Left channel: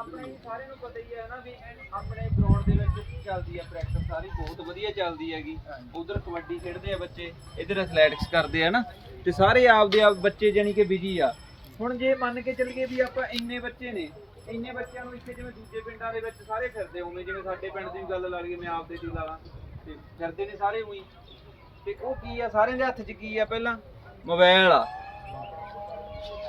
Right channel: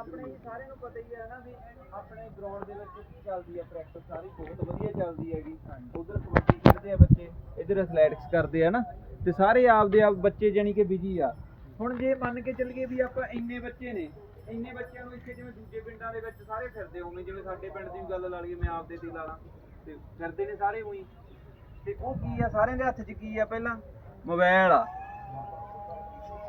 ਆਪਣੇ ਸਾਰਿਆਂ ਨੂੰ ਪਤਾ ਹੀ ਹੈ ਨਾ ਵੀ ਆਪਣੇ ਗਰਾਊਂਡ ਦੇ ਵਿੱਚ ਚੱਲਦੀ ਆ ਪ੍ਰੈਕਟਿਸ ਸਾਰੀ ਬਹੁਤ ਵਧੀਆ ਚੱਲਦੀ ਹੈਗੀ। ਉਧਰ ਕਬੱਡੀ ਖੇਡਦੇ ਆ ਬੱਚੇ ਇਧਰ ਐਥਲੈਟਿਕਸ ਕਰਦੇ ਆ ਨਾ ਤੇ ਸਾਰੇ ਆਪਦੇ ਆਪ ਬੱਚੇ ਜਾਨੀ ਕਿ ਬਿਜ਼ੀ ਆ। ਹੁਣ ਜੇ ਮੰਨ ਕੇ ਚੱਲੀਏ ਵੀ ਆਪਾਂ ਇੰਨੇ ਬੱਚੇ ਨੇ ਇੰਨੇ ਬੱਚਿਆਂ ਨੂੰ ਇੱਥੇ ਜਿਵੇਂ ਦੂਜੇ ਪਿੰਡਾਂ ਦੇ ਵਿੱਚ ਸਾਰੇ ਫਿਰਦੇ ਹੋਵੇਂ ਜਿਵੇਂ ਸਾਡੇ ਪਿੰਡ ਦੀ ਗੱਲ ਲਾ ਲਈਏ ਮੈਂ ਆਪਦੇ ਦੀ ਲਾ ਲਾਂ ਤੇ ਫਿਰਦੇ ਨੇ ਸਾਰੇ ਉਹੀ। ਤੇ ਉਹ ਕੀ ਆ ਸਾਰਿਆਂ ਦੇ ਹੱਥ 'ਚ ਕੀ ਆ ਪਹਿਲਾਂ? ਮੋਬਾਈਲ ਆ।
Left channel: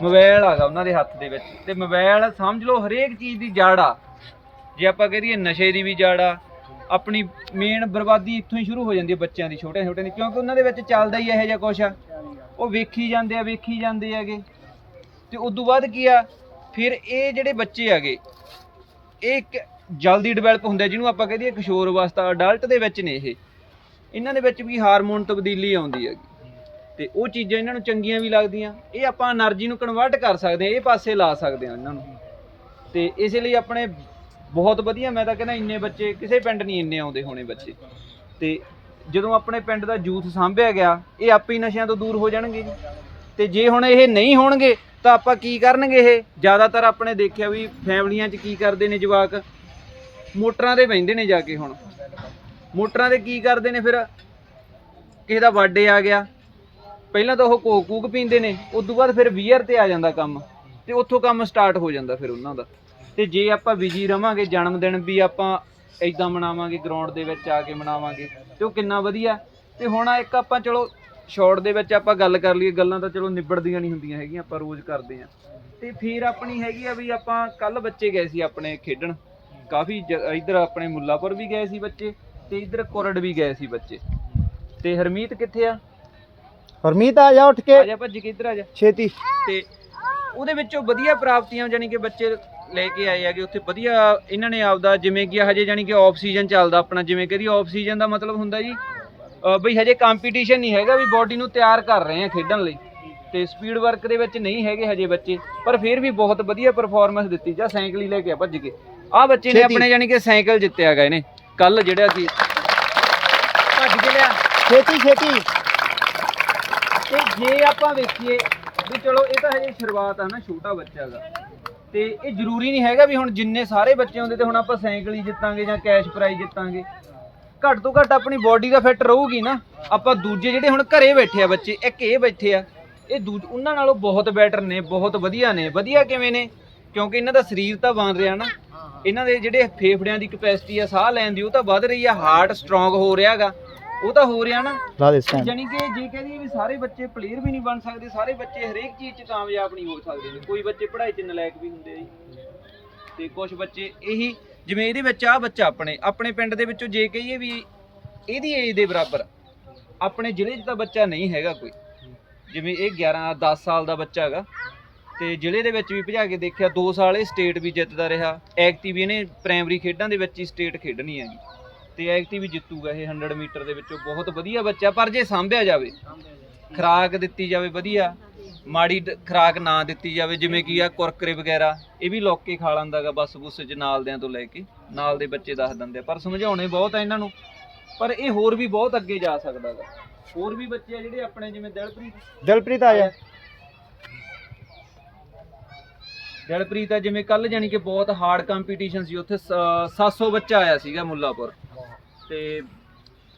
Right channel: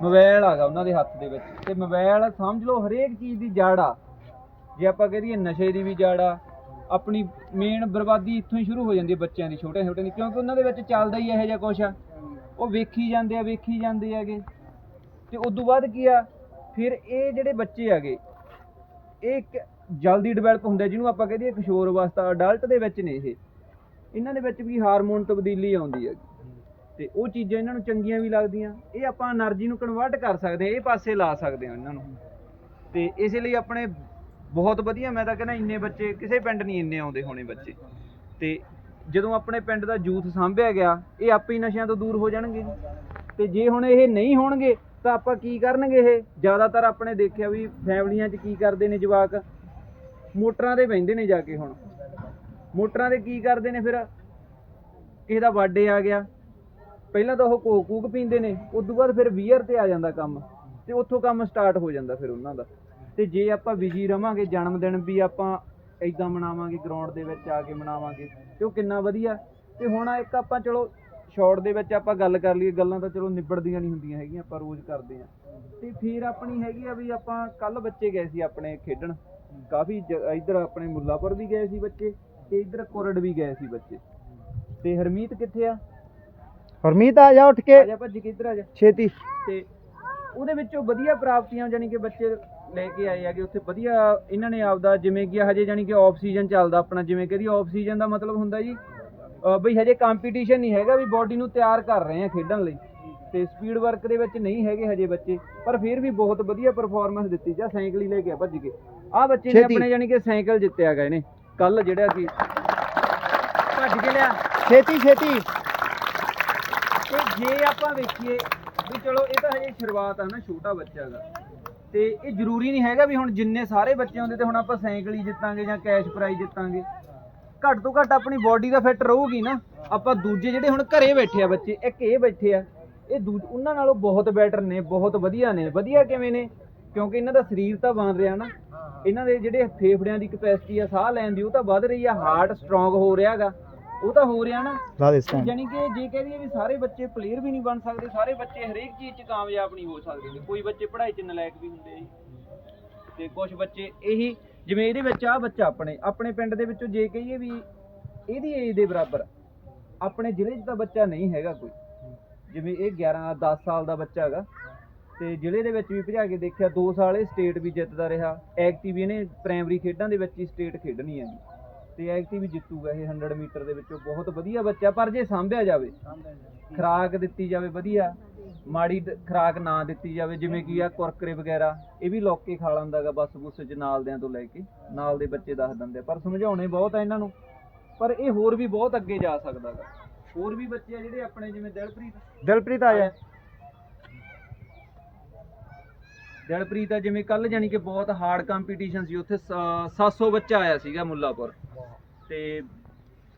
ਮੋਬਾਈਲ ਆਗਾ ਉਹਨਾਂ ਦੇ ਹੱਥ ਦੇ ਵਿੱਚ। ਤੇ ਮੋਬਾਈਲ ਸਮਝ ਲਓ ਹਰੇਕ ਚੀਜ਼ ਦੀ ਜੜ ਆ। ਜੇ ਆਪਾਂ ਕਹਦੀਏ ਨਸ਼ੇ ਦੀ ਵੀ ਜੜ ਆ, ਆਪਣੀ ਮੇਨ ਬਰਬਾਦੀ ਇੱਥੋਂ ਹੀ ਸ਼ੁਰੂ ਹੋ ਜਾਂਦੀ ਹੈ ਬੱਚਿਆਂ ਦੀ ਛੋਟੇ ਛੋਟੇ ਦੀ, ਕਿਉਂਕਿ ਉਹਨਾਂ ਦੇ ਵਿੱਚ ਚੱਲਦਾ ਹੀ ਇਹੋ ਜਿਹਾ ਕੁਛ ਆ। ਉਹ ਵੇਖੀ ਜਾਂਦੇ ਆ, ਵੇਖੀ ਜਾਂਦੇ ਹੈਗੇ। ਤੇ ਉਸ ਤੋਂ ਬਾਅਦ ਕੀ ਆ, ਫਿਰ ਇਹ ਜਿਹੜੇ ਬੱਚੇ ਹੈਗੇ, ਇਹ ਇੱਕ ਜਲਦੀ ਡਿਵੈਲਪ ਹੁੰਦਾ ਜਿਹਨੂੰ ਆਪਾਂ ਕਹਦੀਏ ਕਿਸ਼ੋਰ ਅਵਸਥਾ ਅਡਲਟ ਦੇ ਵਿੱਚ ਨੇ ਇਹ। ਇਹਨਾਂ ਦੇ ਵਿੱਚ ਵੀ ਹਾਰਮੋਨ ਤਬਦੀਲੀ ਆਉਂਦੀ ਹੈਗੀ। ਤੇ ਉਹ ਚੀਜ਼ਾਂ ਇਹਨਾਂ ਨੂੰ ਚੰਗੀਆਂ ਵੀ ਲੱਗਦੀਆਂ। ਇਹ ਆਪਾਂ એનર્ਜੀ ਨੂੰ ਕਨਵਰਟ ਕਰ ਸਕਦੇ ਆ ਇਹ ਪਾਸੇ ਲਾ ਸਕਦੇ ਆ ਇਹਨਾਂ ਨੂੰ। ਤੇ ਇਸੇ ਲਈ ਆਪਣੇ ਬਹੁਤ ਵਧੀਆ, ਮੈਂ ਤਾਂ ਕਹਿੰਦਾ ਇੰਨੇ ਬੱਚੇ, ਕਿਸੇ ਪਿੰਡ ਨਹੀਂ ਇੰਨੇ ਆਉਂਦੇ ਹੋਣੇ ਬੱਚੇ। ਤੇ ਜਦੋਂ ਆਪਣੇ ਪਿੰਡ ਦਾ ਜੂਥ ਸਾਂਭਿਆ ਗਿਆ, ਇਹ ਆਪੇ ਹੀ ਨਸ਼ਿਆਂ ਤੋਂ ਦੂਰ ਹੋ ਜਾਣਗੇ ਤੇ ਜੇ ਹੁਣ ਇਹ ਨਹੀਂ ਹੋਣਗੇ, ਤਾਂ ਆਪਾਂ ਕੀ ਕਰਨਗੇ ਇਹ? ਜ਼ਿਆਦਾਤਰ ਆਪਣੇ ਦੇਖਿਆ ਵੀ ਫੈਮਲੀਆਂ 'ਚ ਕੀ ਕਰਦੇ ਨੇ ਜਵਾਕ? ਮੋਟਰਾਂ ਤੇ ਬੈੰਦੇ ਨੇ ਜਾ ਕੇ ਹੁਣ। ਮੋਟਰਾਂ ਤੇ ਕੀ ਕਰਦੇ ਨੇ ਫਿਰ? ਕਿਸੇ ਦਾ ਬਰਥਡੇ ਆ ਗਿਆ। ਪਹਿਲਾਂ ਤਾਂ ਉਹ ਕੋਕ ਕੂਕ ਪੀਂਦੇ ਨੇ ਉਸ ਤੋਂ ਬਾਅਦ ਫਿਰ ਵੀਅਰ ਤੇ ਆ ਜਾਂਦਾ ਕੰਮ। ਤੇ ਉੱਥੋਂ ਕੰਮ ਸਟਾਰਟ ਹੋ ਜਾਂਦਾ ਫਿਰ ਉਹਨਾਂ ਦਾ। ਤੇ ਜੇ ਆਪਾਂ ਬਿਜ਼ੀ ਰਵਾਂਗੇ ਜਨਮ ਦਿਨ ਵੀ ਆਪਾਂ ਇਦਾਂ ਮਨਾਵਾਂਗੇ ਗਰਾਊਂਡ ਦੇ ਵਿੱਚ ਆ ਕੇ ਮਨਾਵਾਂਗੇ, ਤੇ ਉਹ ਕਿੰਨਾ ਵਧੀਆ। ਤੇ ਹੁਣ ਇੱਕ ਆਪਾਂ ਚਲੋ ਸ਼ਾਰਟ ਦੇ ਵਿੱਚ ਆਪਾਂ ਗੱਲ ਕਰ ਲਈਏ, ਗੱਲਾਂ ਤਾਂ ਚਲੋ ਨਿਬੜਦੀਆਂ ਨਹੀਂ ਹੁੰਦੀਆਂ ਹੈਗੀਆਂ, ਆਪਾਂ ਰੋਜ਼ ਕਰਦੇ ਆ ਤੇ ਫਿਰ ਆਪਣੀ ਹੈਗੀ ਆ ਵੀ ਆਪਾਂ ਕੱਲ ਬੱਚੇ ਗਏ ਸੀ ਆਪਣੇ ਖੇਡਣ। ਕਾਫੀ ਇਧਰ ਆਪਣੇ ਮੁੱਲਾਪੁਰ ਵੀ ਗਏ ਸੀ ਬੱਚੇ, ਤੇ ਇਧਰ ਕੋਰੜ ਵੀ ਗਏ ਸੀ ਬੱਚੇ। ਤੇ ਹਰਮੀਤ ਕਿੱਥੇ ਆ? ਹਰਮੀਤ ਆ ਜਾ ਉੱਠ ਆ ਕੇ ਜਾ ਭੱਜ ਕੇ ਇੱਧਰ ਆ ਜਾ। ਛੇਤੀ। ਤੇ ਉਹਦੇ ਵਿੱਚੋਂ ਵਧੀਆ ਪ੍ਰਾਪਤੀਆਂ ਜਾਨੀ ਕਿ ਬੱਚੇ ਲੈ ਕੇ ਆਏ ਹੈਗੇ ਉੱਥੇ ਵਧੀਆ ਇਹਨਾਂ ਨੇ ਆਪਦਾ ਜਿਵੇਂ ਕਿ ਹਜੇ ਜਾਨੀ ਕਿ ਆਫ ਸੀਜ਼ਨ ਚੱਲਦਾ ਆਪਣਾ ਜਿਵੇਂ ਕਹਦੀ ਆਫ ਸੀਜ਼ਨ ਦਾ ਮਤਲਬ ਹੁੰਦਾ ਜੀ ਬਈ ਹਜੇ ਕੰਪੀਟੀਸ਼ਨ ਨਹੀਂ ਹੈਗਾ ਵੀ ਬਾਡੀ ਨੂੰ ਤਿਆਰ ਕਰ ਰਹੇ ਆ ਖੇਡਣ ਲਈ। ਤੇ ਸਪੀਡ ਵਰਕ ਦੇ ਵਿੱਚ ਨਹੀਂ ਹੈਗੇ ਹਜੇ ਬੱਚੇ ਪਰ ਫਿਰ ਵੀ ਬਹੁਤ ਵਧੀਆ ਪਰਫਾਰਮੈਂਸ ਦਿੱਤੀ ਜਾਂ ਸਾਈਕਲ ਹੀ ਲੈ ਕੇ ਆ ਭੱਜ ਕੇ। ਆਹ ਬੱਚੇ ਨੇ ਛੇਤੀ। ਆਪਣੇ ਜਾਨੀ ਕਿ ਸਾਈਕਲ ਜਿੱਤਿਆ ਹੈਗਾ ਇਹਨੇ ਕੱਲ ਜਿਹੜਾ ਕਿ ਭੱਜ ਕੇ ਲਿਆ। ਛੇਤੀ ਛੇਤੀ। ਤੇ ਜੇ ਆਪਾਂ ਵੇਖੀਏ ਵੀ ਚਲੋ ਇਹ ਤਾਂ ਹਜੇ ਸ਼ੁਰੂਆਤ ਆ ਨਾ ਛੋਟਾ ਬੱਚਾ ਦਾ ਤੇ ਇਹ ਜ਼ਰੂਰੀ ਨਹੀਂ ਹੈਗਾ ਵੀ ਹੁਣ ਜਿੰਨੇ ਸਾਰੇ ਬੱਚੇ ਹੁੰਦੇ ਤੇ ਹੁਣ ਆਪਾਂ ਸਾਈਕਲ ਹੀ ਜਿੱਤਾਂਗੇ ਜਾਂ ਕੈਸ਼ ਪ੍ਰਾਈਜ਼ ਜਿੱਤਾਂਗੇ। ਘੱਟ ਤੋਂ ਘੱਟ ਆਪਣੀ ਬਾਡੀ ਦਾ ਫਿੱਟ ਰਹੂਗੀ ਨਾ। ਆਪਾਂ ਦੂਜੇ ਜਿਹੜੇ ਹੁਣ ਘਰੇ ਬੈਠੇ ਆ ਬੱਚੇ, ਇੱਕ ਇਹ ਬੈਠੇ ਆ, ਇਹ ਦੂਜ, ਉਹਨਾਂ ਨਾਲੋਂ ਬਹੁਤ ਬੈਟਰ ਨੇ, ਬਹੁਤ ਵਧੀਆ ਨੇ। ਵਧੀਆ ਕਿਵੇਂ ਨੇ? ਕਿਉਂਕਿ ਇਹਨਾਂ ਦਾ ਸਰੀਰ ਤਾਂ ਬਣ ਰਿਹਾ ਨਾ। ਇਹਨਾਂ ਦੇ ਜਿਹੜੇ ਫੇਫੜਿਆਂ ਦੀ ਕਪੈਸਿਟੀ ਆ, ਸਾਹ ਲੈਣ ਦੀ, ਉਹ ਤਾਂ ਵੱਧ ਰਹੀ ਆ। ਹਾਰਟ ਸਟਰੋਂਗ ਹੋ ਰਿਹਾਗਾ ਉਹ ਤਾਂ ਹੋ ਰਿਹਾ ਨਾ। ਲਾ ਦੇ ਸਟੈਂਡ ਜਾਨੀ ਕਿ ਜੇ ਕਹਿ ਦਈਏ ਵੀ ਸਾਰੇ ਬੱਚੇ ਪਲੇਅਰ ਵੀ ਨਹੀਂ ਬਣ ਸਕਦੇ ਸਾਰੇ ਬੱਚੇ ਹਰੇਕ ਚੀਜ਼ 'ਚ ਕਾਮਯਾਬ ਨਹੀਂ ਹੋ ਸਕਦੇ ਨੇ। ਕੋਈ ਬੱਚੇ ਪੜ੍ਹਾਈ 'ਚ ਨਲਾਇਕ ਵੀ ਹੁੰਦੇ ਆ ਜੀ ਤੇ ਕੁਝ ਬੱਚੇ ਇਹੀ ਜਿਵੇਂ ਇਹਦੇ ਵਿੱਚ ਆ ਬੱਚਾ ਆਪਣੇ ਆਪਣੇ ਪਿੰਡ ਦੇ ਵਿੱਚੋਂ ਜੇ ਕਹੀਏ ਵੀ ਇਹਦੀ ਏਜ ਦੇ ਬਰਾਬਰ ਆਪਣੇ ਜ਼ਿਲ੍ਹੇ 'ਚ ਤਾਂ ਬੱਚਾ ਨਹੀਂ ਹੈਗਾ ਕੋਈ। ਜਿਵੇਂ ਇਹ 11 10 ਸਾਲ ਦਾ ਬੱਚਾ ਹੈਗਾ। ਤੇ ਜ਼ਿਲ੍ਹੇ ਦੇ ਵਿੱਚ ਵੀ ਭਜਾ ਕੇ ਦੇਖਿਆ 2 ਸਾਲ ਇਹ ਸਟੇਟ ਵੀ ਜਿੱਤਦਾ ਰਿਹਾ। ਐਕਟਿਵ ਇਹਨੇ ਪ੍ਰਾਇਮਰੀ ਖੇਡਾਂ ਦੇ ਵਿੱਚ ਹੀ ਸਟੇਟ ਖੇਡਣੀ ਹੈਗੀ। ਤੇ ਐਕਟਿਵ ਵੀ ਜਿੱਤੂਗਾ ਇਹ 100 ਮੀਟਰ ਦੇ ਵਿੱਚੋਂ। ਬਹੁਤ ਵਧੀਆ ਬੱਚਾ ਪਰ ਜੇ ਸਾਂਭਿਆ ਜਾਵੇ ਖੁਰਾਕ ਦਿੱਤੀ ਜਾਵੇ ਵਧੀਆ ਮਾੜੀ ਖੁਰਾਕ ਨਾ ਦਿੱਤੀ ਜਾਵੇ ਜਿਵੇਂ ਕੀ ਆ ਕੁਰਕਰੇ ਵਗੈਰਾ ਇਹ ਵੀ ਲੋਕ ਕੇ ਖਾ ਲੈਂਦਾਗਾ ਬਸ ਬੁੱਸ ਚ ਨਾਲ ਦਿਆਂ ਤੋਂ ਲੈ ਕੇ ਨਾਲ ਦੇ ਬੱਚੇ ਦੱਸ ਦਿੰਦੇ ਪਰ ਸਮਝਾਉਣੇ ਬਹੁਤ ਆ ਇਹਨਾਂ ਨੂੰ ਪਰ ਇਹ ਹੋਰ ਵੀ ਬਹੁਤ ਅੱਗੇ ਜਾ ਸਕਦਾ ਗਾ। ਹੋਰ ਵੀ ਬੱਚੇ ਆ ਜਿਹੜੇ ਆਪਣੇ ਜਿਵੇਂ ਦਿਲਪ੍ਰੀਤ। ਦਿਲਪ੍ਰੀਤ ਆ ਜਾ। ਦਿਲਪ੍ਰੀਤ ਆ ਜਿਵੇਂ ਕੱਲ ਜਾਨੀ ਕਿ ਬਹੁਤ ਹਾਰਡ ਕੰਪੀਟੀਸ਼ਨ ਸੀ ਉੱਥੇ ਸ- 700 ਬੱਚਾ ਆਇਆ ਸੀਗਾ ਮੁੱਲਾਪੁਰ। ਤੇ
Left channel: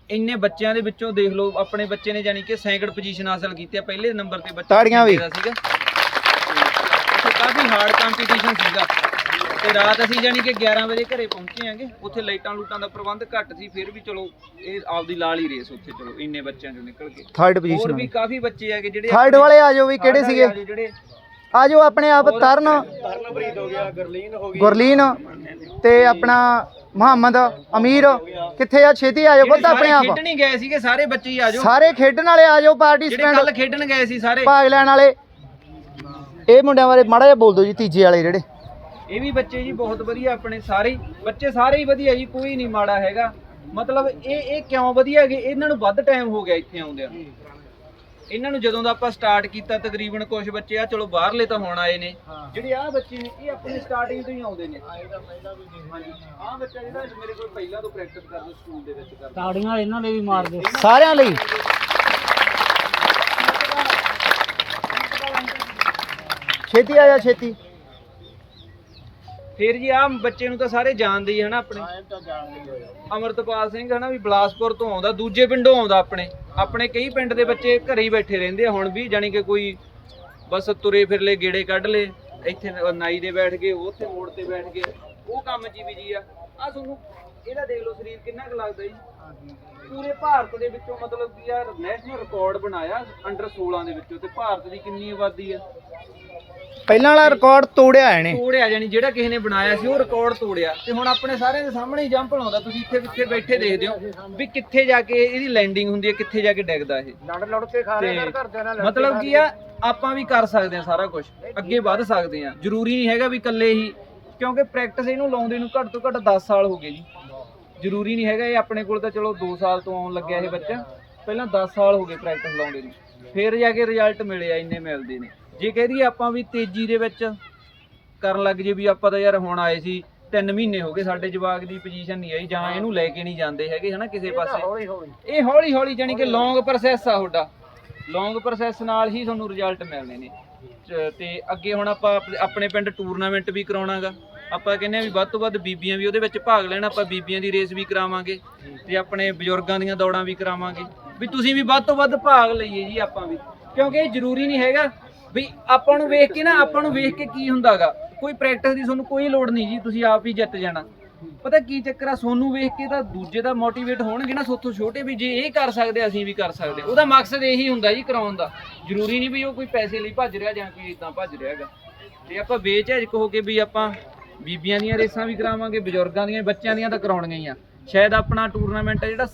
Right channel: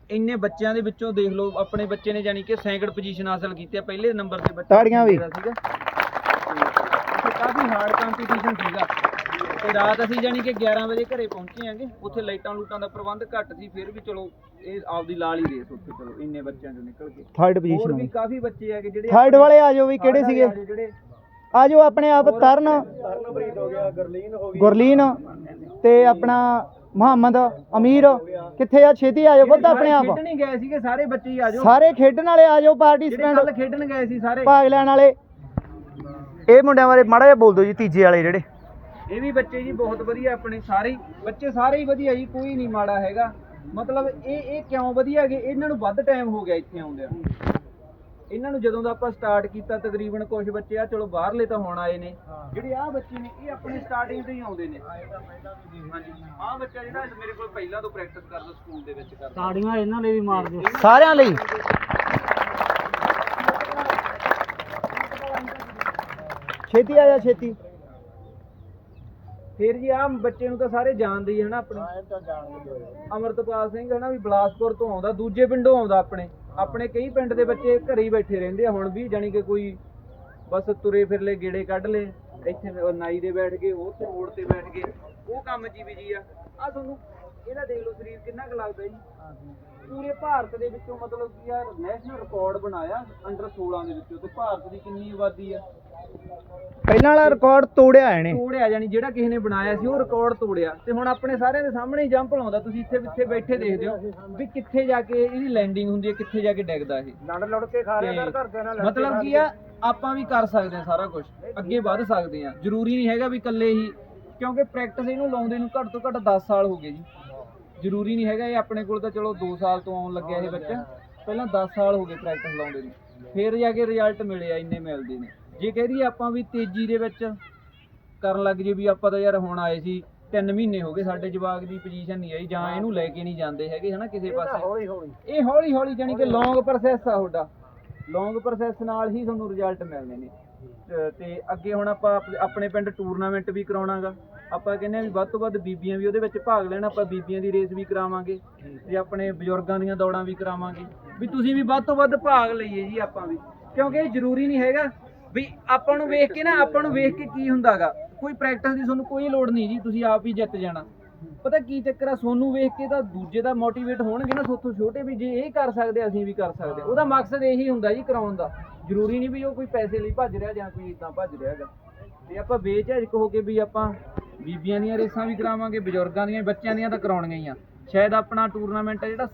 ਇੰਨੇ ਬੱਚਿਆਂ ਦੇ ਵਿੱਚੋਂ ਦੇਖ ਲਓ ਆਪਣੇ ਬੱਚੇ ਨੇ ਜਾਨੀ ਕਿ ਸੈਕਿੰਡ ਪੋਜੀਸ਼ਨ ਹਾਸਲ ਕੀਤੀ ਆ ਪਹਿਲੇ ਨੰਬਰ ਤੇ ਬੱਚਾ ਤਾੜੀਆਂ ਵੀ। ਸੀਗਾ। ਤੇ ਕਾਫੀ ਹਾਰਡ ਕੰਪੀਟੀਸ਼ਨ ਸੀਗਾ। ਤੇ ਰਾਤ ਅਸੀਂ ਜਾਨੀ ਕਿ 11 ਵਜੇ ਘਰੇ ਪਹੁੰਚੇ ਆਂਗੇ ਉੱਥੇ ਲਾਈਟਾਂ ਲੂਟਾਂ ਦਾ ਪ੍ਰਬੰਧ ਘੱਟ ਸੀ ਫਿਰ ਵੀ ਚਲੋ ਇਹ ਆਪਦੀ ਲਾਲ ਹੀ ਰੇਸ ਉੱਥੇ ਚਲੋ ਇੰਨੇ ਬੱਚਿਆਂ ਚੋਂ ਨਿਕਲ ਕੇ। ਥਰਡ ਹੋਰ ਪੋਜੀਸ਼ਨ ਵੀ ਕਾਫੀ ਬੱਚੇ ਹੈਗੇ ਜਿਹੜੇ ਥਰਡ ਵਾਲੇ ਆ ਜਾਓ ਵੀ ਕਿਹੜੇ ਸੀਗੇ? ਆ ਜਿਹੜੇ ਆ ਜਾਓ ਆਪਣੇ ਆਪ ਤਰਨ। ਤਰਨਪ੍ਰੀਤ ਹੋ ਗਿਆ ਗਰਲੀਨ ਹੋ ਗੁਰਲੀਨ। ਤੇ ਆਪਣਾ ਮੁਹੰਮਦ ਅਮੀਰ ਕਿੱਥੇ ਆ? ਛੇਤੀ ਆ ਜਾਓ ਖੁਦ ਆਪਣੇ ਆਪ। ਖੇਡਣ ਹੀ ਗਏ ਸੀਗੇ ਸਾਰੇ ਬੱਚੇ ਹੀ ਆ ਜਾਓ। ਸਾਰੇ ਖੇਡਣ ਵਾਲੇ ਆ ਜਾਓ ਜਿਹੜੇ ਪਾਰਟਿਸਪੈਂਟ ਕੱਲ ਖੇਡਣ ਗਏ ਸੀ ਸਾਰੇ। ਭਾਗ ਲੈਣ ਵਾਲੇ। ਇਹ ਮੁੰਡਿਆਂ ਬਾਰੇ ਮਾੜਾ ਜਿਹਾ ਬੋਲ ਦਿਓ ਜੀ ਤੀਜੇ ਵਾਲੇ ਜਿਹੜੇ। ਇਹ ਵੀ ਬੱਚੇ ਜੀ ਬਹੁਤ ਵਧੀਆ ਆਪਣੇ ਸਾਰੇ ਹੀ। ਬੱਚੇ ਸਾਰੇ ਹੀ ਵਧੀਆ ਜੀ ਕੋਈ ਨਹੀਂ ਮਾੜਾ ਹੈਗਾ। ਮਤਲਬ ਇਹ ਇਹ ਕਿਉਂ ਵਧੀਆ ਹੈਗੇ ਇਹਨਾਂ ਨੂੰ ਵੱਧ ਟਾਈਮ ਹੋ ਗਿਆ ਇੱਥੇ ਆਉਂਦਿਆਂ। ਇਹਨਾਂ ਨੂੰ ਜਦੋਂ ਦਾ ਆਪਾਂ ਸਟਾਰਟ ਕੀਤਾ ਤਕਰੀਬਨ ਕੁਝ ਬੱਚੇ ਆ ਚਲੋ ਬਾਹਰਲੇ ਤਾਂ ਹੁਣ ਆਏ ਨੇ। ਜਿਹੜੇ ਆ ਬੱਚੇ ਨੇ ਇਹ ਆਪਣੇ ਸਟਾਰਟਿੰਗ ਤੋਂ ਹੀ ਆਉਂਦੇ ਨੇ। ਆ ਬੱਚਾ ਜਿਹੜਾ ਮੇਰੇ ਕੋਲ ਪਹਿਲਾਂ ਤੋਂ ਪ੍ਰੈਕਟਿਸ ਕਰਦਾ ਸਕੂਲ ਦੇ ਵਿੱਚ ਕਰਦਾ। ਤਾੜੀਆਂ ਇਹਨਾਂ ਨੇ ਵੀ ਮਾਰ ਦਿਓ ਸਾਰਿਆਂ ਲਈ। ਛੇਤੀ ਆ ਜਾ ਛੇਤੀ। ਫੇਰ ਜੀ ਆ ਬੱਚੇ ਨੂੰ ਤਾਂ ਸਾਰੇ ਜਾਣਦੇ ਹੀ ਹਨਾ ਆਪਣੇ। ਅਮਰਤਪਾਲ ਸਿੰਘ ਹਨਾ ਵੀ ਬਲਾਸਪੁਰ ਤੋਂ ਆਉਂਦਾ ਦੂਜੇ ਪਿੰਡੋਂ ਆਉਂਦਾ ਆਪਣੇ। ਆਪਣੇ ਕਈ ਪਿੰਡ ਦੇ ਬੱਚੇ ਘਰੇ ਹੀ ਬੈਠੇ ਰਹਿੰਦੇ ਆ ਹੁਣ ਵੀ ਜਾਨੀ ਕਿ ਕੋਈ ਬਸ ਤੁਰੇ ਫਿਰਲੇ ਗੇੜੇ ਕੱਢ ਲੇ ਇੱਥੇ ਨਾਈ ਦੇ ਬੈਠ ਗਏ ਉੱਥੇ ਮੋੜ ਤੇ ਬੈਠ ਗਏ। ਉਹ ਕੰਮ ਜੀ ਵੀ ਜੀ ਆ। ਆ ਤੁਹਾਨੂੰ ਇਹਦਾ ਦੇਖ ਲਓ ਸਰੀਰ ਕਿੰਨਾ ਕੁ ਲੱਗਦਾ ਜੀ। ਪੂਰੇ ਭਾਰਤ ਦੇ ਵਿੱਚੋਂ ਮਤਲਬ ਕਿ ਯਾਰ ਨੈਸ਼ਨਲ ਰਿਕਾਰਡ ਬਣਾਇਆ ਅੰਡਰ 16 ਦੇ ਵਿੱਚੋਂ ਤੇ ਭਾਰਤ ਦੀ ਕਿੰਨੀ ਆਬਾਦੀ ਆ। ਪਹਿਲਾਂ ਵਾਲਾ ਰਿਕਾਰਡ ਤੋੜਿਆ ਇਹਨੇ। ਤੋੜਿਆ ਜਾਨੀ ਜਿਹੜਾ ਕਿਸੇ ਨੇ ਬਣਾਇਆ ਸੀ ਉਹ ਰਿਕਾਰਡ ਤੋੜਿਆ। ਤੇ ਹੁਣ ਆਪਣੇ ਸਾਰਿਆਂ ਦੇ ਸਾਹਮਣੇ ਜੰਪ ਲਾਉਂਦਾ ਤੁਸੀਂ ਇੱਥੇ ਪਿੱਛੇ ਬੈਠੇ ਦੇਖਦੇ ਹੋ ਵੀ ਕਿੱਥੇ ਜਾ ਕੇ ਇਹਦੀ ਲੈਂਡਿੰਗ ਹੁੰਦੀ ਹੈ ਕਿੱਥੇ ਜਾ ਕੇ ਡਿੱਗਦਾ ਇਹ। ਲੜ ਲੜ ਕੇ ਖਾ ਤੇ ਮਤਲਬ ਕੀ ਆ ਆਪਾਂ ਵੀ ਕਰ ਸਕਦੇ ਆ ਸਾਰਾ ਕੁਝ ਅੱਗੇ ਵੱਧ ਸਕਦੇ ਆ ਜ਼ਰੂਰੀ ਨਹੀਂ ਹੈਗਾ ਵੀ ਇਕੱਲੇ ਹੀ ਕਿਉਂਕਿ ਪ੍ਰੈਕਟਿਸ ਇਹਨੂੰ ਲਾਉਂਦੇ ਨੂੰ ਘੱਟ ਤੋਂ ਘੱਟ 10 ਸਾਲ ਹੋ ਗਏ ਜੀ। ਜ਼ਰੂਰੀ ਨਹੀਂ ਹੈਗਾ ਇਹ ਆਪਣੇ ਕੋਲ ਤਾਂ ਚਲੋ 2 ਸਾਲ ਤੋਂ ਆਉਣ ਲੱਗਿਆ ਇਹ ਬੱਚਾ। ਪਹਿਲਾਂ 10 ਸਾਲ ਹੋ ਗਏ ਪ੍ਰੈਕਟਿਸ ਲਾਉਂਦੇ ਨੂੰ। ਫਿਰ ਜਾ ਕੇ ਰਿਜ਼ਲਟ ਮਿਲੇ ਆ ਇੰਨੇ ਮਿਲਦੇ ਨੇ। ਜੇ ਕਹਿ ਦਈਏ ਆਪਾਂ ਵੀ ਤੇਜ਼ੀ ਦੇ ਵਿੱਚ ਕਰਨ ਲੱਗ ਜੇ ਵੀ ਆਪਾਂ ਤਾਂ ਯਾਰ ਹੁਣ ਆਏ ਸੀ 3 ਮਹੀਨੇ ਹੋ ਗਏ ਸਾਡੇ ਜਵਾਕ ਦੀ ਪੋਜੀਸ਼ਨ ਨਹੀਂ ਆਈ ਜਾਂ ਇਹਨੂੰ ਲੈ ਕੇ ਨਹੀਂ ਜਾਂਦੇ ਹੈਗੇ ਹਨਾ ਕਿਸੇ ਪਾਸੇ। ਇਹ ਹੌਲੀ ਹੌਲੀ ਜਾਨੀ ਕਿ ਲੌਂਗ ਪ੍ਰੋਸੈਸ ਆ ਤੁਹਾਡਾ। ਲੌਂਗ ਪ੍ਰੋਸੈਸ ਨਾਲ ਹੀ ਤੁਹਾਨੂੰ ਰਿਜ਼ਲਟ ਮਿਲਣੇ ਨੇ। ਤੇ ਅੱਗੇ ਹੁਣ ਆਪਾਂ ਆਪ- ਆਪਣੇ ਪਿੰਡ ਟੂਰਨਾਮੈਂਟ ਵੀ ਕਰਾਉਣਾਗਾ। ਆਪਾਂ ਕਹਿੰਦੇ ਆ ਵੀ ਵੱਧ ਤੋਂ ਵੱਧ ਬੀਬੀਆਂ ਵੀ ਉਹਦੇ ਵਿੱਚ ਭਾਗ ਲੈਣ ਆਪਾਂ ਬੀਬੀਆਂ ਦੀ ਰੇਸ ਵੀ ਕਰਾਵਾਂਗੇ। ਤੇ ਆਪਣੇ ਬਜ਼ੁਰਗਾਂ ਦੀਆਂ ਦੌੜਾਂ ਵੀ ਕਰਾਵਾਂਗੇ। ਵੀ ਤੁਸੀਂ ਵੀ ਵੱਧ ਤੋਂ ਵੱਧ ਭਾਗ ਲਈਏ ਜੀ ਆਪਾਂ ਵੀ। ਕਿਉਂਕਿ ਇਹ ਜ਼ਰੂਰੀ ਨਹੀਂ ਹੈਗਾ ਵੀ ਆਪਾਂ ਨੂੰ ਵੇਖ ਕੇ ਨਾ, ਆਪਾਂ ਨੂੰ ਵੇਖ ਕੇ ਕੀ ਹੁੰਦਾਗਾ? ਕੋਈ ਪ੍ਰੈਕਟਿਸ ਦੀ ਤੁਹਾਨੂੰ ਕੋਈ ਲੋੜ ਨਹੀਂ ਜੀ, ਤੁਸੀਂ ਆਪ ਹੀ ਜਿੱਤ ਜਾਣਾ। ਪਤਾ ਕੀ ਚੱਕਰ ਆ ਸੋਨੂੰ ਵੇਖ ਕੇ ਤਾਂ ਦੂਜੇ ਦਾ ਮੋਟੀਵੇਟ ਹੋਣਗੇ ਨਾ ਸੋਥੋਂ ਛੋਟੇ ਵੀ, ਜੇ ਇਹ ਕਰ ਸਕਦੇ ਅਸੀਂ ਵੀ ਕਰ ਸਕਦੇ ਉਹਦਾ ਮਕਸਦ ਇਹੀ ਹੁੰਦਾ ਜੀ ਕਰਾਉਣ ਦਾ। ਜ਼ਰੂਰੀ ਨਹੀਂ ਵੀ ਉਹ ਕੋਈ ਪੈਸੇ ਲਈ ਭੱਜ ਰਿਹਾ ਜਾਂ ਕੋਈ ਇਦਾਂ ਭੱਜ ਰਿਹਾ ਹੈਗਾ। ਤੇ ਆਪਾਂ ਬੇਝਿਜਕ ਹੋ ਕੇ ਵੀ ਆਪਾਂ ਬੀਬੀਆਂ ਦੀਆਂ ਰੇਸਾਂ ਵੀ ਕਰਾਵਾਂਗੇ, ਬਜ਼ੁਰਗਾਂ ਦੀਆਂ, ਬੱਚਿਆਂ ਦੀਆਂ ਤਾਂ ਕਰਾਉਣੀਆਂ ਹੀ ਆ। ਸ਼ਾਇਦ ਆਪਣਾ ਟੂਰਨਾਮੈਂਟ ਹੈ ਜਿਹੜਾ